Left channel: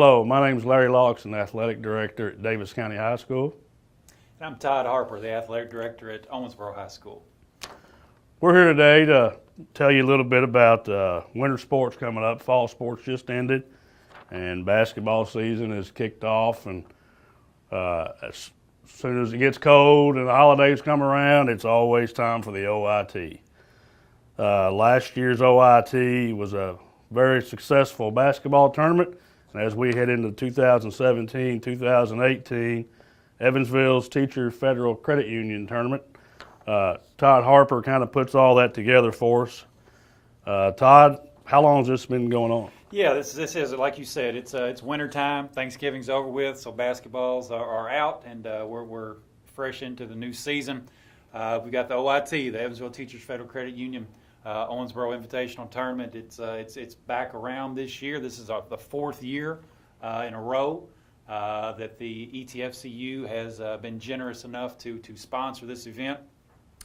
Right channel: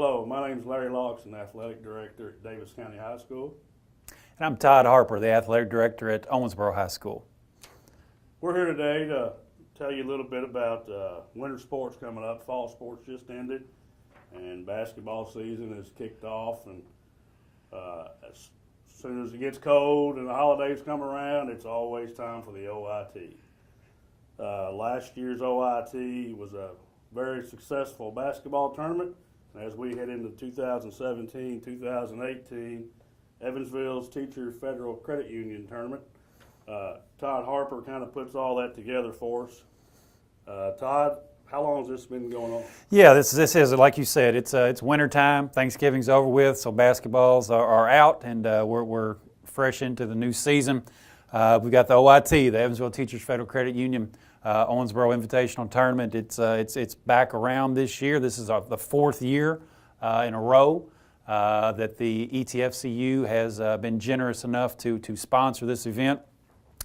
Hello, my name is Larry Lawson, Athletic Director at Daviess County High School. And I'm Todd Harper, the Athletic Director at Owensboro High School. We're here today to tell you a little bit about winter sports coming up. Fall sports just ended, and basketball season is kicked off. And as soon as it gets cold and the holidays come around, it's always time for the OIT. Last year's OIT was a very successful basketball tournament. And as we head into 2017, 2018, Evansville's Teacher Federal Credit Union Tournament, Todd Harper kind of puts all that together for us. Todd, how long has this been going on? Yeah, this is, like you said, it's winter time. Thanksgiving's over with, so basketballs are out, and we're fresh into the new season. We've got the OIT, the Evansville Teachers Federal Credit Union Owensboro Invitational Tournament. It's back around this year. This is the fourth year in a row that the ETFCU has been generous enough to sponsor this event.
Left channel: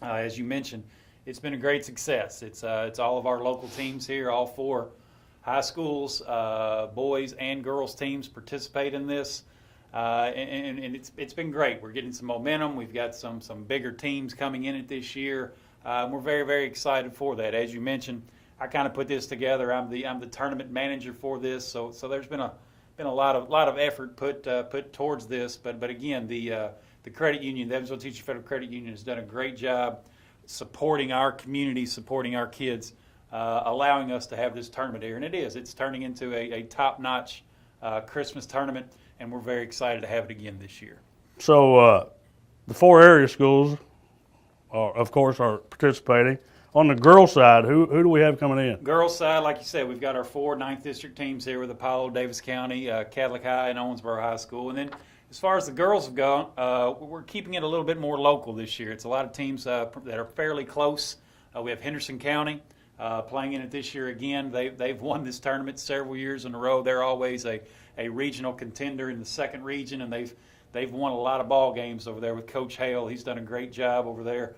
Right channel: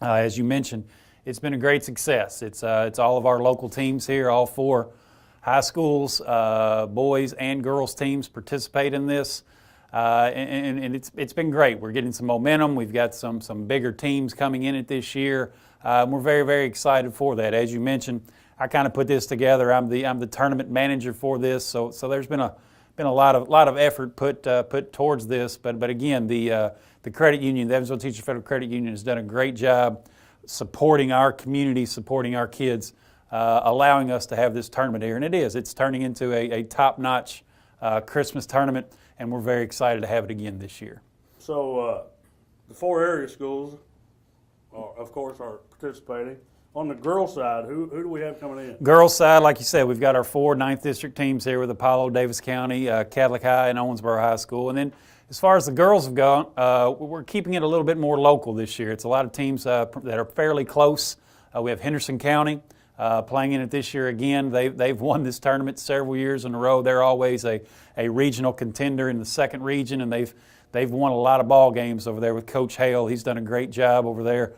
As you mentioned, it's been a great success. It's all of our local teams here, all four high schools, boys and girls teams participate in this, and it's been great. We're getting some momentum. We've got some bigger teams coming in it this year. We're very, very excited for that. As you mentioned, I kind of put this together. I'm the tournament manager for this, so there's been a lot of effort put towards this. But again, the credit union, the Evansville Teacher Federal Credit Union, has done a great job supporting our community, supporting our kids, allowing us to have this tournament here. And it's turning into a top-notch Christmas tournament, and we're very excited to have it again this year. So the four area schools, of course, are participating. On the girls' side, who do we have coming in? Girls' side, like you said, we've got our four 9th District teams here with Apollo, Daviess County, Catholic High, and Owensboro High School. And then as far as the girls have gone, we're keeping it a little bit more local this year. It's a lot of teams that are fairly close. We have Henderson County playing in it this year again. They've won this tournament several years in a row. They're always a regional contender in the second region, and they've won a lot of ball games over there with Coach Hale. He's done a great job over there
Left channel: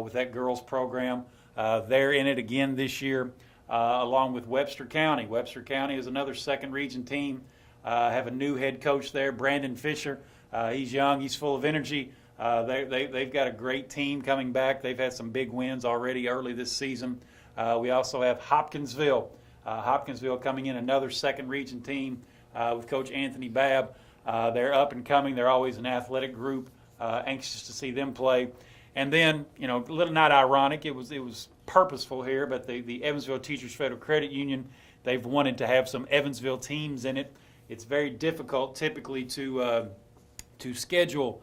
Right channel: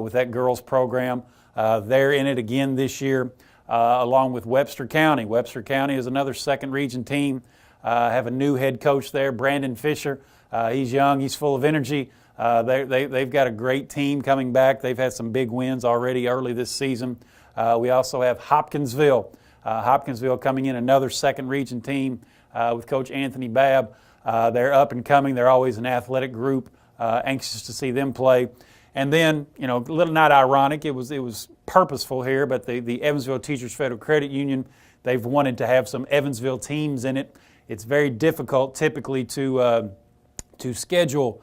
with that girls program. They're in it again this year, along with Webster County. Webster County is another second region team. Have a new head coach there, Brandon Fisher. He's young, he's full of energy. They've got a great team coming back. They've had some big wins already early this season. We also have Hopkinsville. Hopkinsville coming in, another second region team with Coach Anthony Babb. They're up and coming. They're always an athletic group. Anxious to see them play. And then, a little not ironic, it was purposeful here, but the Evansville Teachers Federal Credit Union, they've wanted to have some Evansville teams in it. It's very difficult typically to schedule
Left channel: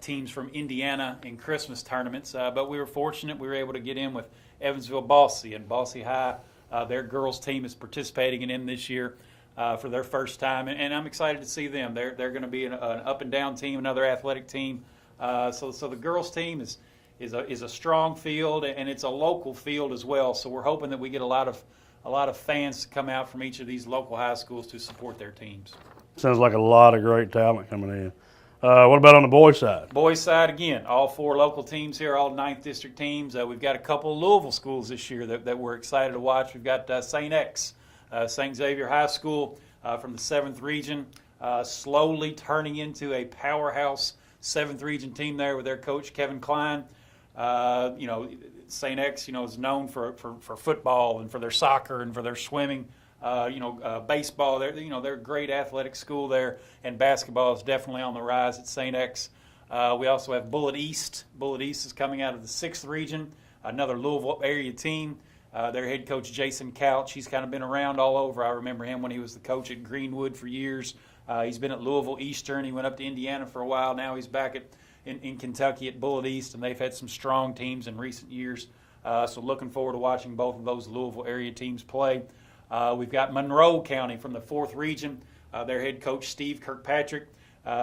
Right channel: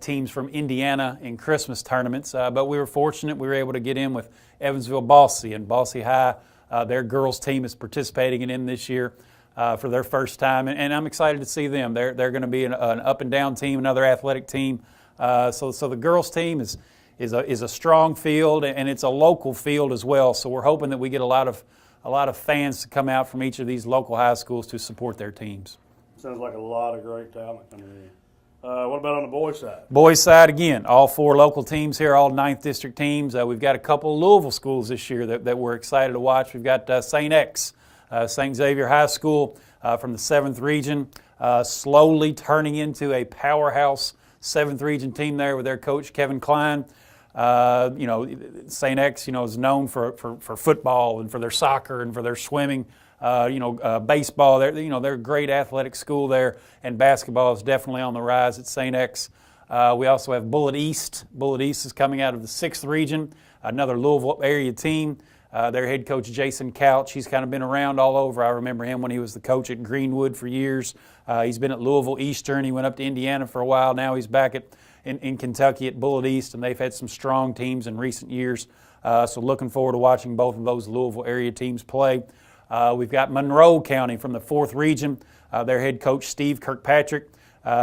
teams from Indiana in Christmas tournaments, but we were fortunate we were able to get in with Evansville Bosse, and Bosse High, their girls team is participating in this year for their first time, and I'm excited to see them. They're going to be an up and down team, another athletic team. So the girls team is a strong field, and it's a local field as well. So we're hoping that we get a lot of fans to come out from each of these local high schools to support their teams. Sounds like a lot of great talent coming in. What about on the boys' side? Boys' side, again, all four local teams here, all 9th District teams. We've got a couple of Louisville schools this year that we're excited to watch. We've got St. X, St. Xavier High School from the 7th region, slowly turning into a powerhouse 7th region team there with their coach, Kevin Klein. St. X, is known for football and for their soccer and for their swimming. Baseball, they're a great athletic school there, and basketball is definitely on the rise at St. X. We also have Bullitt East. Bullitt East is coming out of the 6th region, another Louisville area team. Their head coach, Jason Couch, he's kind of been around all over. I remember him when he was the coach at Greenwood for years. He's been at Louisville Eastern. He went up to Indiana for a while. Now he's back in Kentucky at Bullitt East, and they've had some strong teams in recent years. So looking forward to watching both of those Louisville area teams play. We've got Monroe County from the 4th region. Their head coach, Steve Kirkpatrick,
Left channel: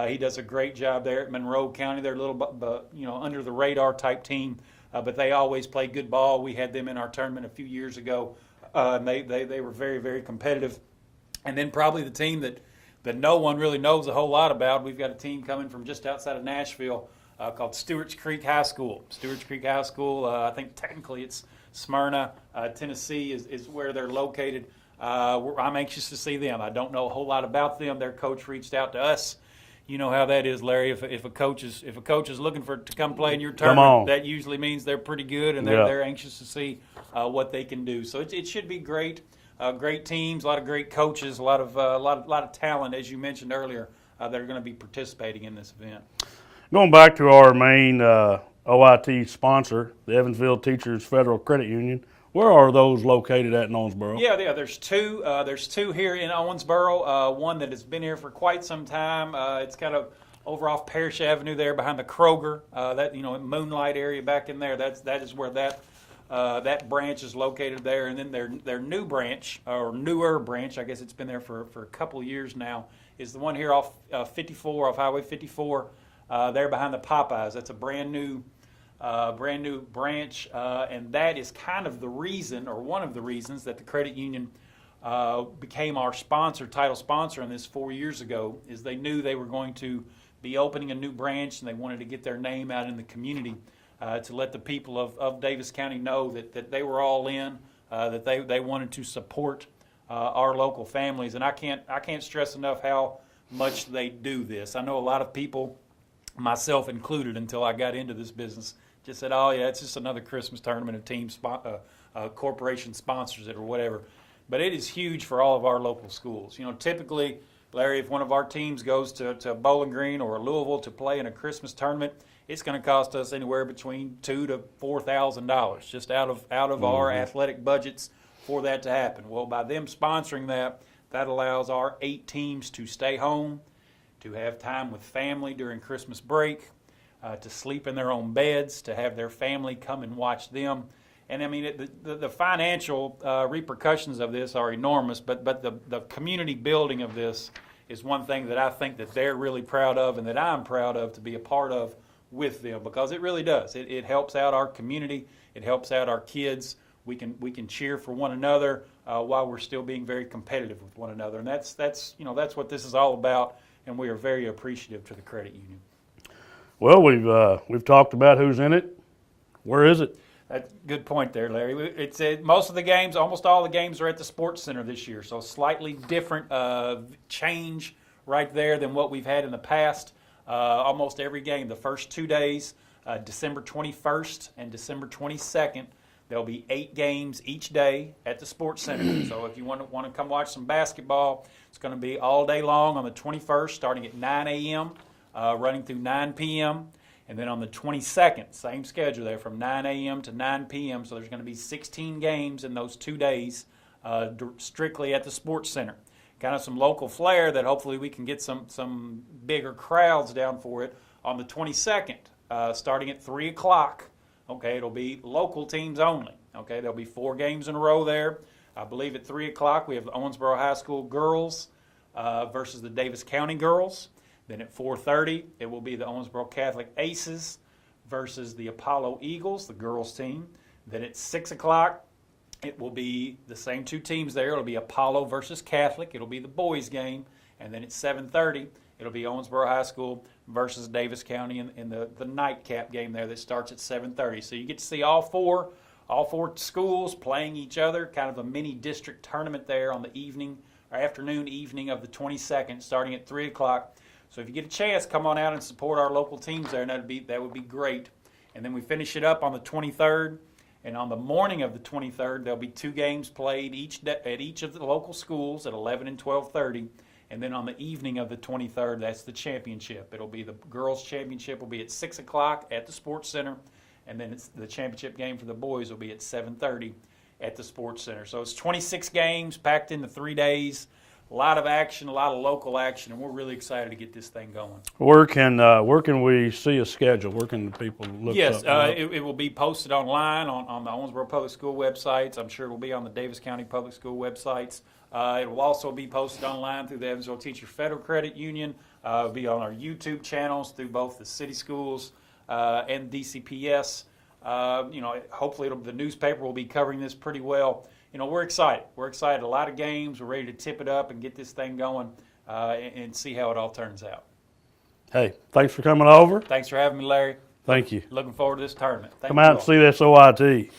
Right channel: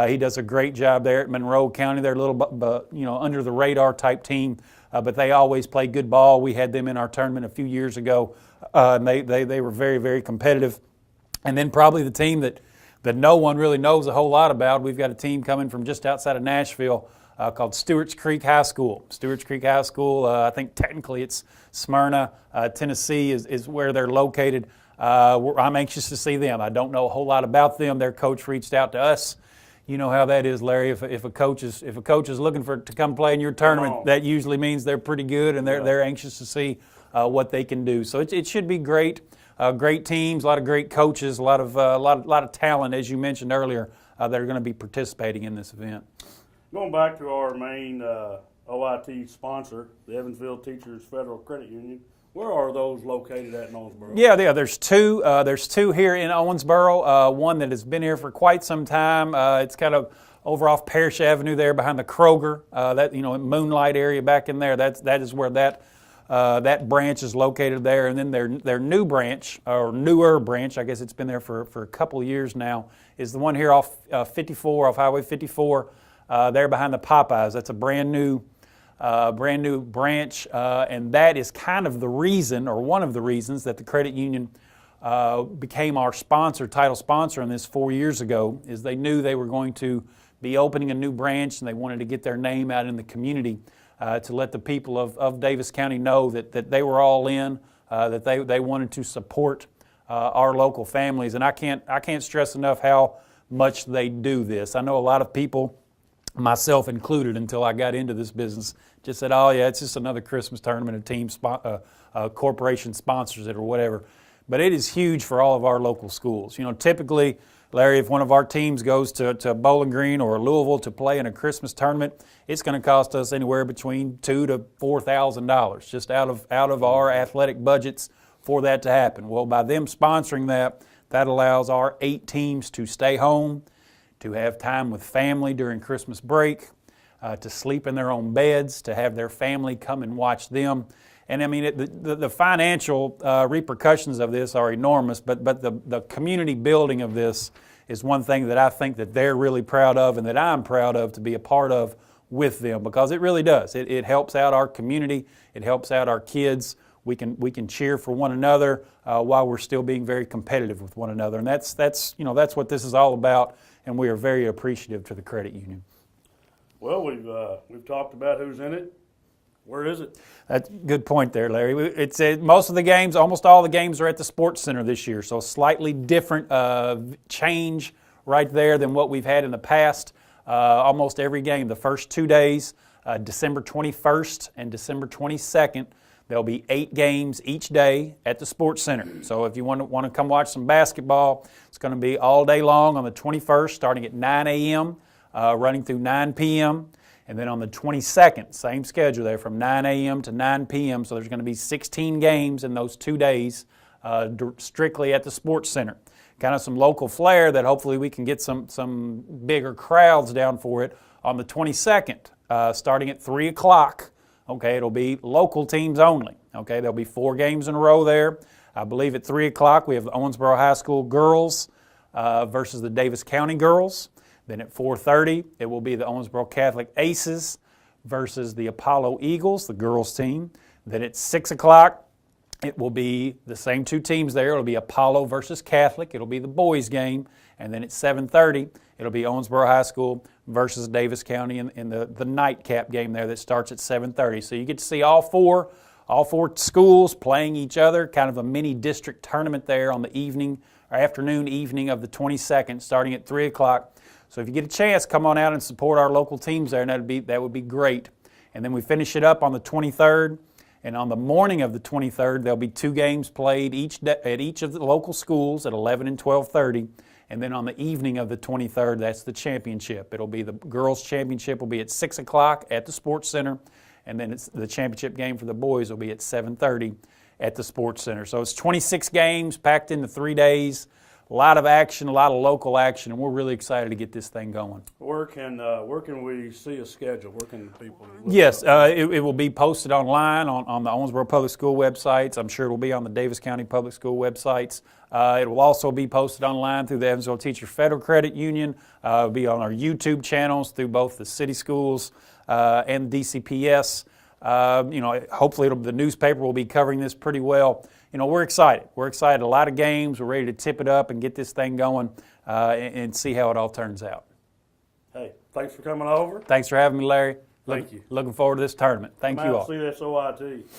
he does a great job there at Monroe County. They're a little, under the radar type team, but they always play good ball. We had them in our tournament a few years ago, and they were very, very competitive. And then probably the team that no one really knows a whole lot about. We've got a team coming from just outside of Nashville called Stewarts Creek High School. Stewarts Creek High School, I think technically it's Smyrna, Tennessee is where they're located. I'm anxious to see them. I don't know a whole lot about them. Their coach reached out to us. You know how that is, Larry. If a coach is looking to come play in your tournament, that usually means they're pretty good, and they're anxious to see what they can do. So it should be great. Great teams, a lot of great coaches, a lot of talent, as you mentioned earlier, that are going to be participating in this event. Going back to our main OIT sponsor, the Evansville Teachers Federal Credit Union. Where are those located at in Owensboro? Yeah, there's two. There's two here in Owensboro. One that has been here for quite some time. It's kind of over off Parrish Avenue there behind the Kroger. Moonlight area back in there. That is where that branch is located there. And then their new branch, or newer branch, I guess it's been there for a couple of years now, is the one here off 54, off Highway 54, there behind the Popeyes. That's a brand new branch, and that is kind of the reason, or one of the reasons, that the credit union became our title sponsor on this 4 years ago, is they knew they were going to be opening a new branch, and they wanted to get their name out in the community to let the people of Daviess County know that they were all in, that they wanted to support our local families. And I can't stress enough how much they do this. I know a lot of people, myself included, until I got into this business, just said, oh yeah, it's just another Christmas tournament, a team corporation sponsors it or whatever. But it is huge for all of our local schools. Typically, Larry, if one of our teams goes to Bowling Green or Louisville to play in a Christmas tournament, it's going to cost us anywhere between $2,000 to $4,000 just out of our athletic budgets for that to happen. Well, by them sponsoring that allows our 8 teams to stay home, to have time with family during Christmas break, to sleep in their own beds, to have their family come and watch them. And I mean, the financial repercussions of this are enormous, but the community building of this is one thing that I think that they're really proud of, and that I'm proud of to be a part of with them, because it really does. It helps out our community. It helps out our kids. We can cheer for one another while we're still being very competitive with one another, and that's what this is all about. And we are very appreciative to the credit union. Well, we've talked about who's in it. Where is it? That's a good point there, Larry. It's most of the games, almost all the games are at the Sportscenter this year, so slightly different change right there than what we've had in the past. Almost every game, the first 2 days, December 21st and December 22nd, there'll be 8 games each day at the Sportscenter. So if you want to come watch some basketball, it's going to be all day long on the 21st, starting at 9 a.m., running through 9 p.m., and then on the 22nd, same schedule there, from 9 a.m. to 9 p.m. So there's going to be 16 games in those 2 days, strictly at the Sportscenter. Kind of some local flair that hopefully we can get some bigger crowds down for it on the 22nd, starting at 3 o'clock. Okay, it'll be local teams only. Okay, there'll be 4 games in a row there. I believe at 3 o'clock we have the Owensboro High School girls versus the Daviess County girls. Then at 4:30, it will be the Owensboro Catholic Aces versus the Apollo Eagles, the girls team. Then at 6 o'clock, it will be the same 2 teams there. It'll be Apollo versus Catholic. It'll be the boys game. And then at 7:30, it'll be Owensboro High School versus Daviess County in the nightcap game there that starts at 7:30. So you get to see all four schools playing each other, kind of a mini district tournament there on the evening or evening of the 22nd, starting at 3 o'clock. So if you get a chance, come on out and support our local teams there, and that would be great. And then we finish it up on the 23rd, and on the morning of the 23rd, there'll be 2 games played at each of the local schools at 11 and 12:30. And then on the evening of the 23rd, that's the championship. It'll be the girls' championship will be at 6 o'clock at the Sportscenter, and then the championship game for the boys will be at 7:30 at the Sportscenter. So it's 26 games packed into 3 days. A lot of action, a lot of local action, and we're really excited to get this thing going. Where can we see a schedule? Where can people look Yes, up? it will be posted online on the Owensboro Public School websites. I'm sure it will be on the Daviess County Public School websites. It will also be posted online through the Evansville Teachers Federal Credit Union. It'll be on our YouTube channels through both the city schools and DCPS. Hopefully the newspaper will be covering this pretty well. We're excited. We're excited. A lot of games. We're ready to tip it up and get this thing going and see how it all turns out. Hey, thanks for coming over. Thanks for having me, Larry. Thank you. Looking forward to this tournament. Thank you Come out all. and see this OIT.